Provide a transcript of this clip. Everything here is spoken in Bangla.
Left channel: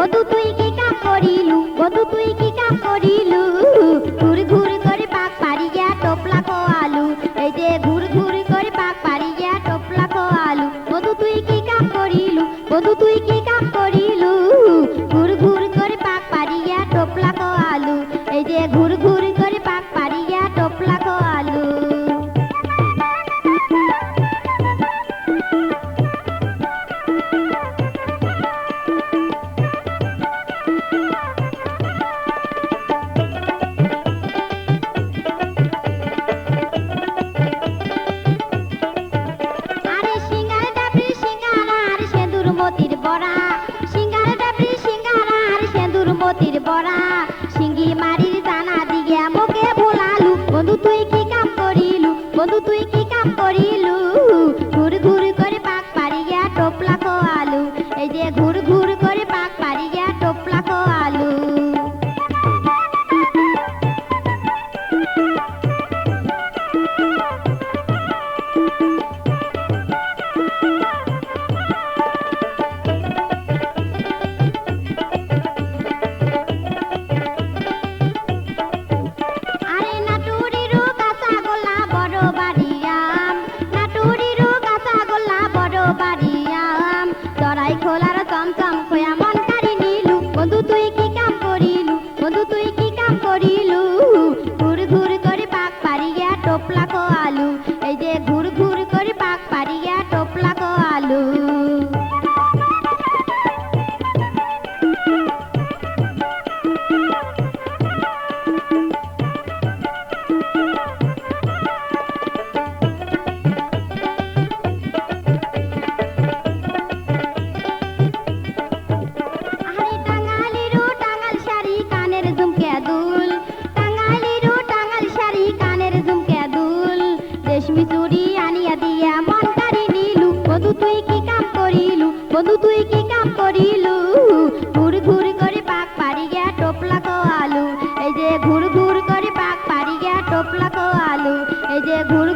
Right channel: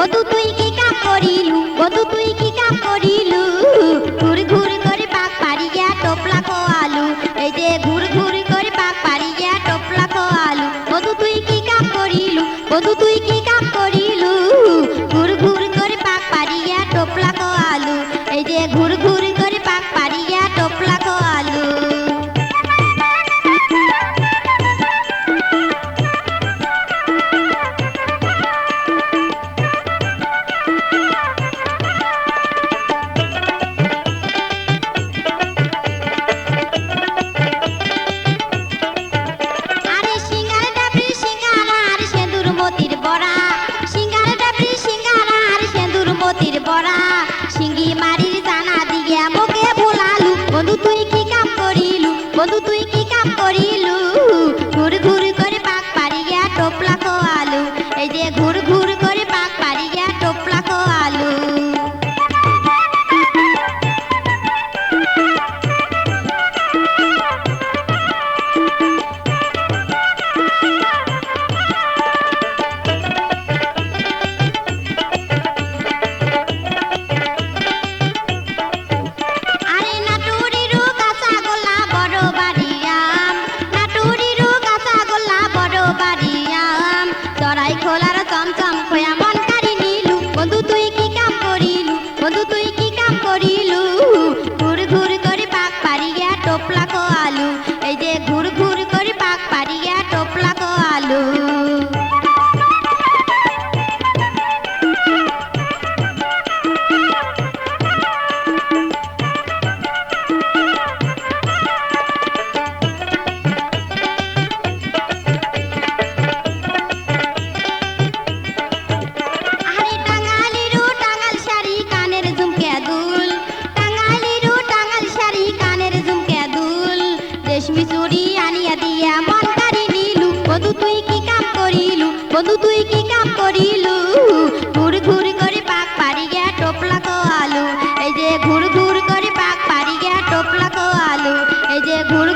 বন্ধু তুই কি কাম করিলু, বন্ধু তুই কি কাম করিলু, ঘুর ঘুর করে পাক পারিয়া টোপলা কো আলু, এই যে ঘুর ঘুর করে পাক পারিয়া টোপলা কো আলু, বন্ধু তুই কি কাম করিলু, বন্ধু তুই কি কাম করিলু, ঘুর ঘুর করে পাক পারিয়া টোপলা কো আলু, এই যে ঘুর ঘুর করে পাক পারিয়া টোপলা কো আলু। আরে সিঙ্গার ডাবরি সিঙ্গারা আর সেন্দুর মতির বড়া, সিঙ্গার ডাবরি সিঙ্গারা আর সেন্দুর মতির বড়া, সিঙ্গি মারির জানা দিয়ে মোকে ভোলালু, বন্ধু তুই কি কাম করিলু, বন্ধু তুই কি কাম করিলু, ঘুর ঘুর করে পাক পারিয়া টোপলা কো আলু, এই যে ঘুর ঘুর করে পাক পারিয়া টোপলা কো আলু। আরে নাটুরিরু কাঁচা গোল্লা বড় বাড়িয়াম, নাটুরিরু কাঁচা গোল্লা বড় বাড়িয়াম, চড়াই খোলার চমচম খোয়া মন কারি নিলু, বন্ধু তুই কি কাম করিলু, বন্ধু তুই কি কাম করিলু, ঘুর ঘুর করে পাক পারিয়া টোপলা কো আলু, এই যে ঘুর ঘুর করে পাক পারিয়া টোপলা কো আলু। আরে টাঙ্গালিরু টাঙ্গাল শাড়ি কানের ঝুমকে দুল, টাঙ্গালিরু টাঙ্গাল শাড়ি কানের ঝুমকে দুল, রেশমি চুড়ি আনিয়া দিয়া মন কারি নিলু, বন্ধু তুই কি কাম করিলু, বন্ধু তুই কি কাম করিলু, ঘুর ঘুর করে পাক পারিয়া টোপলা কো আলু, এই যে ঘুর ঘুর করে পাক পারিয়া টোপলা কো আলু, এই যে ঘুর